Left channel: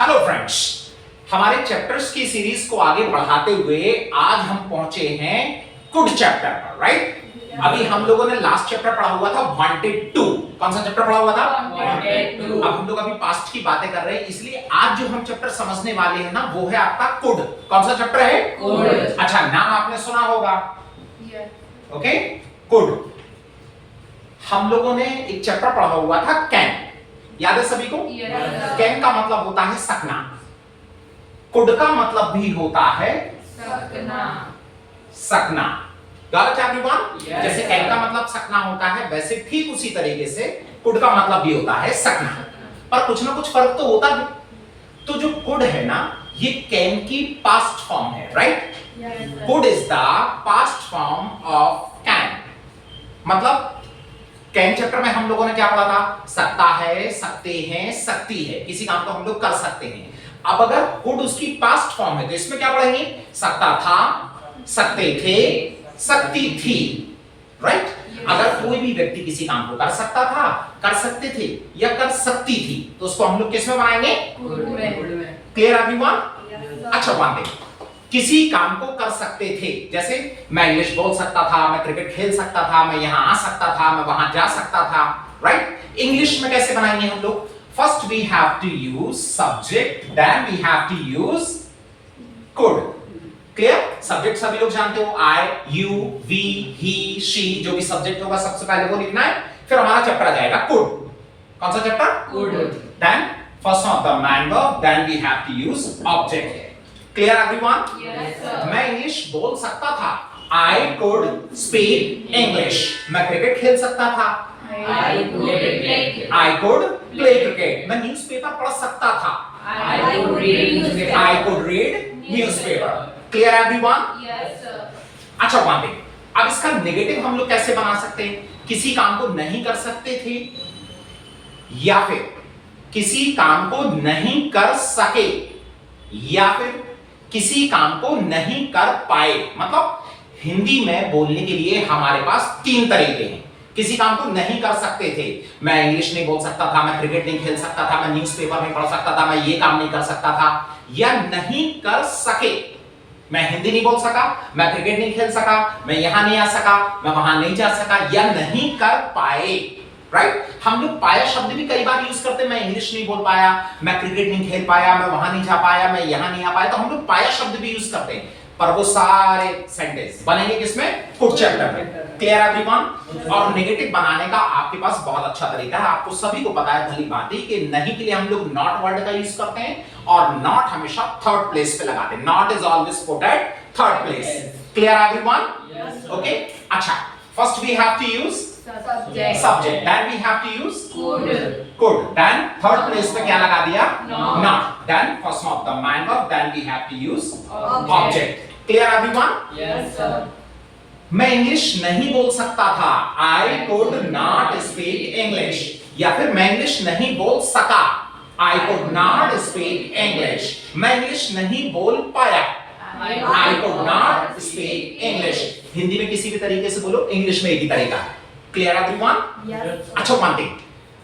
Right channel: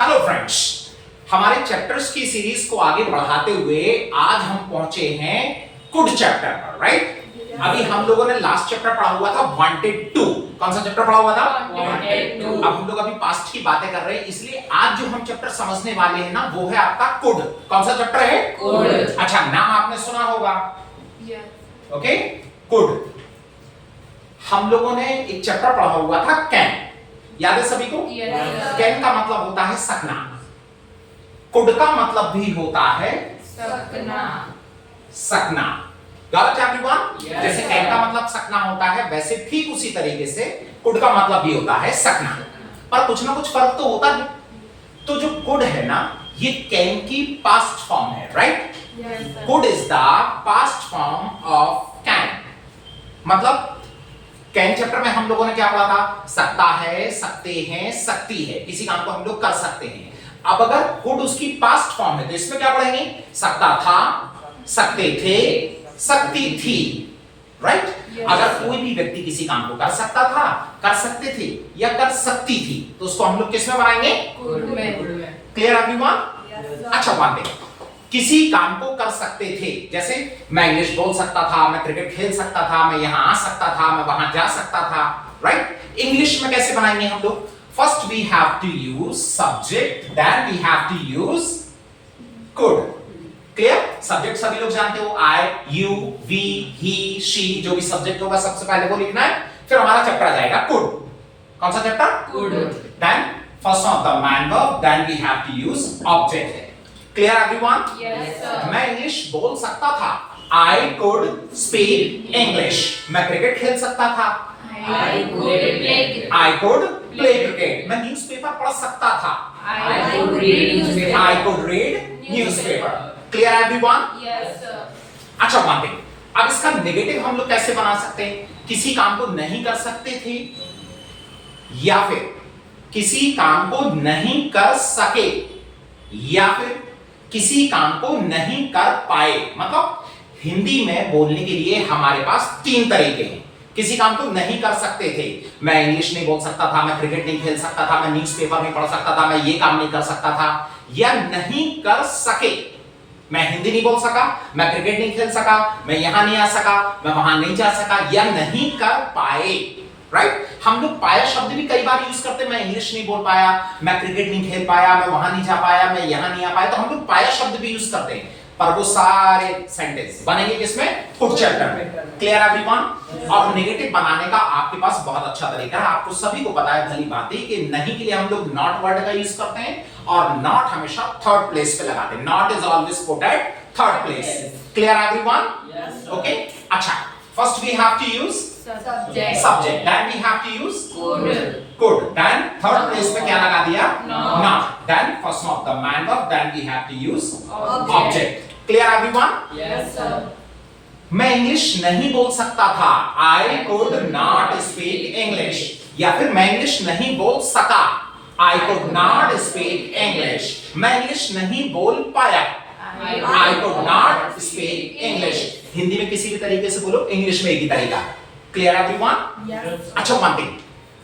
Hello friends, हमारे chapters की series को आगे बढ़ाते हुए आज हम पहुंचे हैं कुड चैप्टर पर, राइट? अभी हम लोगों ने लास्ट चैप्टर पढ़ा हुआ था वांटेड टू। कौन सा चैप्टर पढ़ा हुआ था? Wanted to. अब हम लोग अभी पास्ट की बातें कर रहे हैं, इसलिए आज जो हम चैप्टर समझने वाले हैं ना, वो है आपका कुड। कौन सा चैप्टर है? कुड। अच्छा, नाम आपने सुना होगा, Yes. ओके? कुड। हम लोगों ने एक चैप्टर पढ़ा हुआ था कैन, याद है सभी को? Yes. कैन का मतलब होता है सकना, कुड का मतलब भी होता है सकना। सकना। गलत है एवरीवन? Yes. जैसे कैन का मतलब सकना होता है, वैसे ठीक उसी तरीके से कुड का मतलब भी होता है सकना, पर कुछ ना कुछ फर्क तो होता है। तो जो कुड है ना, ये कैन की पास्ट फॉर्म है, right? Yes. Could is the past form of can. मतलब कैन चैप्टर में हम लोगों ने क्या पढ़ा था? सकता है, सकते हैं, सकती है, किसी काम को हम लोग कर सकते हैं। अब अगर कुड उसकी पास्ट फॉर्म है तो इसमें क्या पढ़ेंगे? सकता था, सकते थे, सकती थी, राइट? Yes. अगर कोई भी व्यक्ति किसी काम को कर सकता था, कर सकते थे या कर सकती थी, तो उसको हम लोग किस में बनाएंगे? कुड में। Clear everyone? Yes. अच्छा, वन थिंग, किसी काम को कर सकते थे, जैसे मैं इंग्लिश बोल सकता था, मैं क्रिकेट खेल सकता था, मैं यहां आ सकता था, मैं वहां जा सकता था, राइट? इंग्लिश में कैसे बनाएंगे हम लोग? First we have to use subject, then we have to use could. Clear? Subject सभी लोग जानते हो, I, you, we, he, she, जो भी सब्जेक्ट होगा सबसे पहले वो लिखना है, फिर हमारा चैप्टर आ जाएगा कुड। कौन सा chapter? Could. Then first of the man verb, then we have to use object. Clear everyone? Yes, sir. मैं इंग्लिश बोल सकता था, I could speak English. मैं क्रिकेट खेल सकता था, I could play. I could play cricket. मैं newspaper पढ़ सकता था, I could read newspaper. I could read newspaper. Clear everyone? Yes, sir. अच्छा, वन थिंग, अब इसका नेगेटिव हम लोग कैसे बना सकते हैं? किसी काम को नहीं कर सकते थे या फिर किसी काम को नहीं कर सके या फिर किसी काम को नहीं कर पाए। मतलब हिंदी में बोलने के लिए हमारे पास तीन तरीके हैं। किसी काम को नहीं कर सकते थे, मैं इंग्लिश नहीं बोल सकता था, मैं क्रिकेट नहीं खेल सकता था, मैं न्यूज़पेपर नहीं पढ़ सकता था, मैं ये काम नहीं कर सकता था। या नहीं कर सके, मैं हिंदी नहीं बोल सका, मैं क्रिकेट नहीं खेल सका, मैं यहां नहीं आ सका, मैं वहां नहीं जा सका, या नहीं कर पाए, राइट? हम लोग पाया शब्द भी कई बार यूज करते हैं। मैं इंग्लिश नहीं बोल पाया, मैं क्रिकेट नहीं खेल पाया, मैं वहां नहीं जा पाया, मैं यहां नहीं आ पाया, तो हम लोग पाया शब्द भी यूज करते हैं, पर वो सारे सेंटेंस बनेंगे किसमें? कुड चैप्टर में। Clear everyone? और नेगेटिव बनाने का आपके पास बहुत अच्छा तरीका है, आपको सभी को पता है भली बात है कि नहीं के लिए हम लोग नॉट वर्ड का यूज करते हैं, और नॉट हमेशा थर्ड प्लेस पे लगाते हैं। Not is always put at third place. Clear everyone? Okay, अच्छा, first we have to use Subject. subject, then we have to use could, then third place पे क्या लगा दिया? Not, then first of the man verb, then we have to use object. Clear everyone? Yes, sir. मैं English नहीं बोल सकता था, I could not speak English, या फिर मैं इंग्लिश नहीं बोल सका, I could not speak English, मैं इंग्लिश नहीं बोल पाया, I could not speak English। Hindi में किसी भी तरीके से बोलो, इंग्लिश में एक ही तरीका है। Clear everyone? Yes. अच्छा, वन थिंग,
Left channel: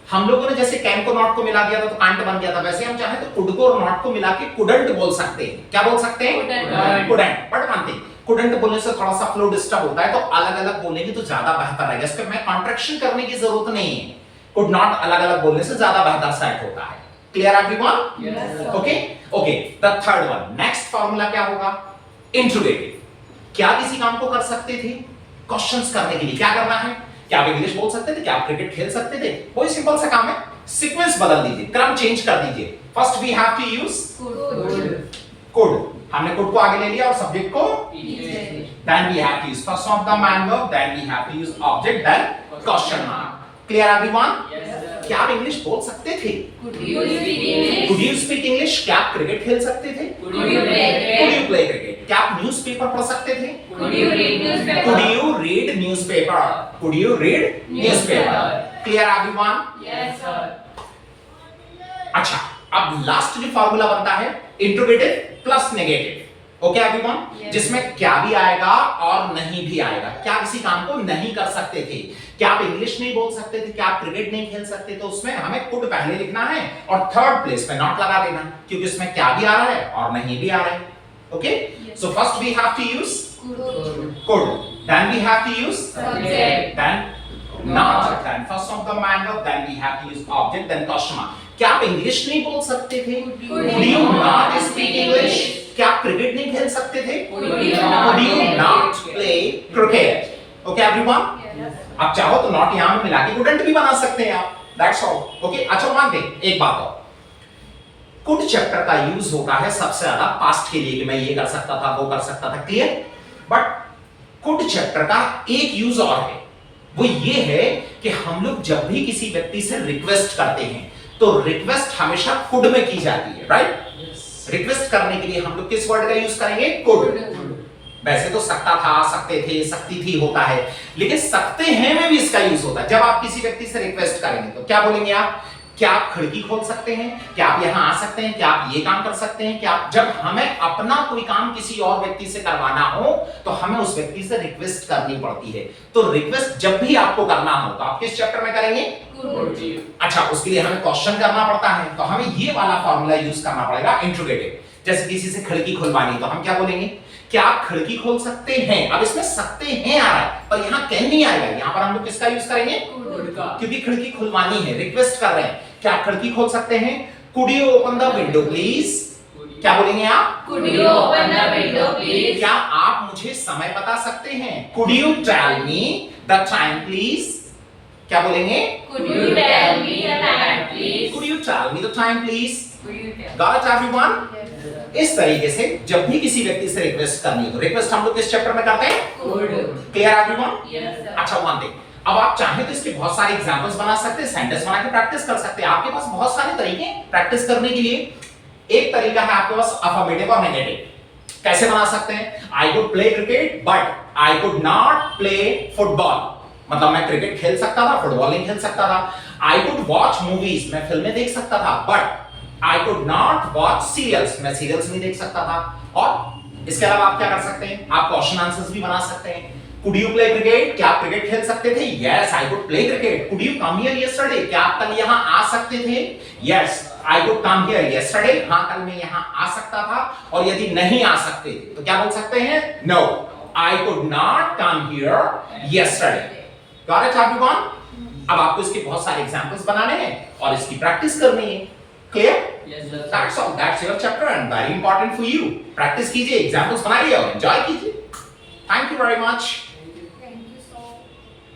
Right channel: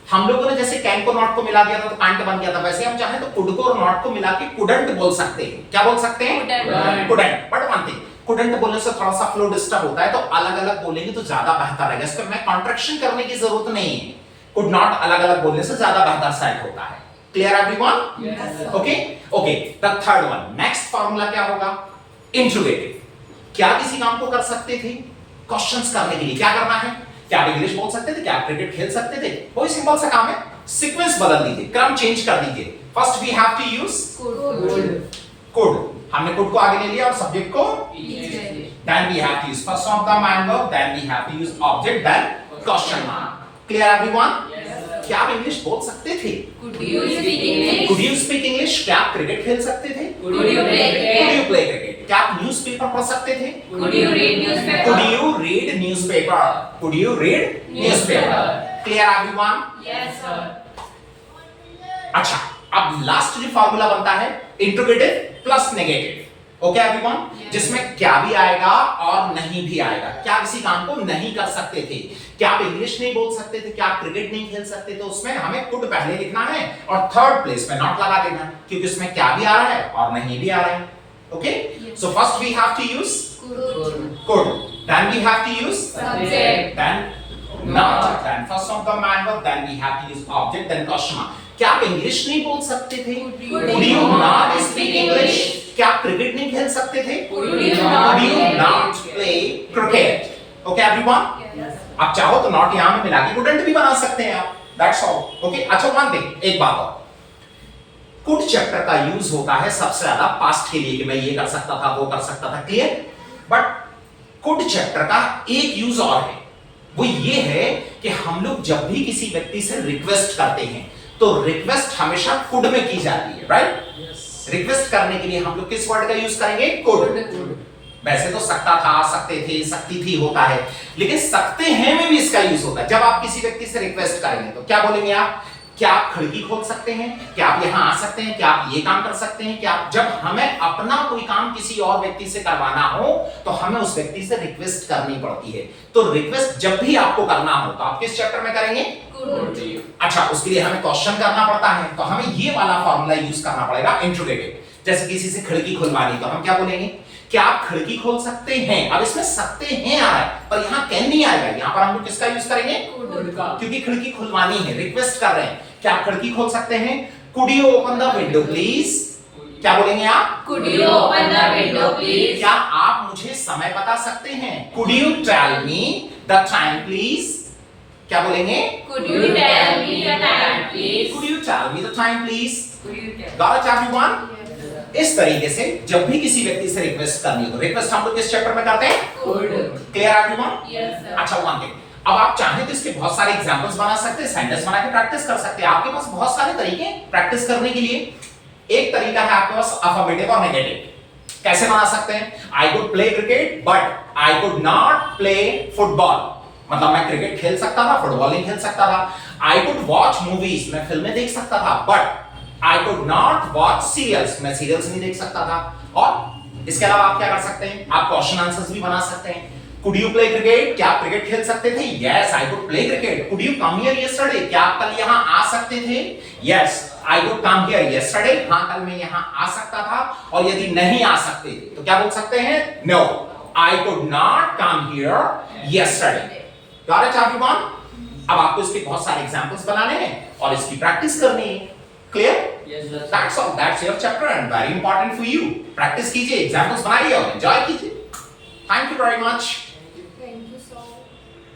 हम लोगों ने जैसे कैन को नॉट को मिला दिया था तो कांट बन गया था, वैसे हम चाहे तो कुड को और नॉट को मिला के कुडंट बोल सकते हैं। क्या बोल सकते हैं? Couldn't. Couldn't. But one thing, couldn't बोलने से थोड़ा सा फ्लो डिस्टर्ब होता है, तो अलग अलग बोलेंगे तो ज्यादा बेहतर है। इस पे मैं कॉन्ट्रैक्शन करने की जरूरत नहीं है, कुड नॉट अलग अलग बोलने से ज्यादा बेहतर सेट होता है। Clear everyone? Yes, sir. Okay okay, the third one, next formula क्या होगा? इंट्रोगेटिव। क्या किसी काम को कर सकते थे? क्वेश्चंस करने के लिए क्या करना है? क्या आप इंग्लिश बोल सकते थे? क्या आप क्रिकेट खेल सकते थे? कोई सिंपल सा काम है, सीक्वेंस बदल दीजिए, क्रम चेंज कर दीजिए। First we have to use Could. Could, हमने कुड को आगे ले लिया और सब्जेक्ट को, Easy. then we have to use first of the man verb, then we have to use object, then question mark. Clear everyone? Yes, sir. क्या आप English बोल सकते थे? Could you speak English? Could you speak English? क्या आप cricket खेल सकते थे? Could you play cricket? Could you play cricket? क्या आप न्यूज़पेपर पढ़ सकते थे? Could you read newspaper? Could you read newspaper? Could you read newspaper? Newspaper. Clear everyone? Yes, sir. अच्छा, अब लास्ट जो फार्मूला बनता है interrogative plus negative. Okay everyone, Yes. जिसमें क्या भी आएगा और नहीं भी आएगा। क्या किसी काम को नहीं कर सकते थे, क्या आप इंग्लिश नहीं बोल सकते थे, क्या आप क्रिकेट नहीं खेल सकते, तो उसमें हमें कुड पहले लिखना है और थर्ड प्लेस में नॉट लगा देना, क्योंकि उसमें क्या भी आ रहा है और नहीं भी आ रहा है। Okay, so first we have to use could, then we have to use Subject. then not, then first of the manner, then we have to use object, then question mark। क्या आप इंग्लिश नहीं बोल सकते थे? Could you not speak English? क्या आप cricket नहीं खेल सकते थे? Could Could you you not not play cricket? Okay everyone? आप चाहो तो नॉट यहां में मिला के couldn't भी बना सकते हैं आप, that's all। Okay, अच्छा वन थिंग, एक बात और, कुड चैप्टर का यूज होता है सबसे ज्यादा पास्ट के लिए कि मैं ये कर सकता था, वो कर सकता था, क्लियर? बट कुड चैप्टर का एक यूज और है, वो ये है कि हम लोग जब भी किसी व्यक्ति से रिक्वेस्ट करते हैं तो रिक्वेस्ट हमेशा कुड में की जाती है, राइट? रिक्वेस्ट करने के लिए हम लोग किस वर्ड का यूज करेंगे? कुड। वैसे तो सकता था, सकते थे, सकती थी होता है, लेकिन सकते हैं में भी इसका यूज होता है। जब आप किसी व्यक्ति से रिक्वेस्ट करेंगे तो क्या बोलेंगे आप? क्या आप खिड़की खोल सकते हैं? क्या आप यहां आ सकते हैं? क्या आप ये काम कर सकते हैं? क्या आप, जब हमें अपना कोई काम किसी और व्यक्ति से करवाना हो तो हमें उस व्यक्ति से रिक्वेस्ट करनी पड़ती है। तो रिक्वेस्ट जब भी आपको करना हो तो आप किस चैप्टर में करेंगे? अच्छा, उसके लिए हमें क्वेश्चन करना पड़ता है, तो हमें ये वाला फॉर्मूला यूज करना पड़ेगा, इंट्रोगेटिव। जैसे किसी से खिड़की खुलवानी तो हम क्या बोलेंगे? क्या आप खिड़की खोल सकते हैं? अब इसमें सकते हैं आ रहा है, पर यहाँ कैन नहीं आएगा, यहाँ पर हम लोग किसका यूज करेंगे? क्योंकि खिड़की खुलवानी है, रिक्वेस्ट कर रहे हैं। क्या आप खिड़की खोल सकते हैं? Could you open the window please? क्या बोलेंगे आप? Could you open the window, please? क्या आप मुझे समय बता सकते हैं? Could you tell me the time please? क्या बोलेंगे? Could you tell me the time, please? Could you tell me the time please? Could you tell? Got it everyone? इस तरीके से जब भी किसी व्यक्ति से रिक्वेस्ट करनी हो तो रिक्वेस्ट हम लोग किस चैप्टर में करते हैं? Could. Clear everyone? Yes, sir. अच्छा वन थिंग, अब आप चाहें तो इसके बहुत सारे एग्जांपल्स बना सकते हैं, सेंटेंस बना के प्रैक्टिस कर सकते हैं। आपके पास बहुत सारे तरीके हैं प्रैक्टिस करने के लिए। एक तरीका है आपके पास अफर्मेटिव और नेगेटिव। कैसे बना सकते हैं? I could play cricket but I could not play football. मतलब मैं क्रिकेट खेल सकता था, फुटबॉल नहीं खेल सकता था। आई कुड वॉच मूवीज, मैं फिल्में देख सकता था, but I could not watch serials, मैं सीरियल्स नहीं देख सकता था। और इसके अलावा आप क्या कर सकते हैं? आप क्वेश्चन आंसर्स भी बना सकते हैं। Could you play cricket? क्या आप क्रिकेट खेल सकते थे? Yes, I could play cricket. Could you come here yesterday? क्या आप कल यहां आ सकते थे? Yes, I could come here yesterday. हां, कल मैं यहां आ सकता था। और यदि नहीं आ सकते तो क्या बोल सकते हैं? No, I could not come here yesterday. Got it everyone? अब आपको इसके बहुत सारे एग्जांपल्स बनाने हैं और इसकी प्रैक्टिस करनी है। Clear? That's all. That's your chapter and very important for you. Practice कीजिए, एग्जांपल्स बनाइए और एंजॉय कीजिए। Thank you very much.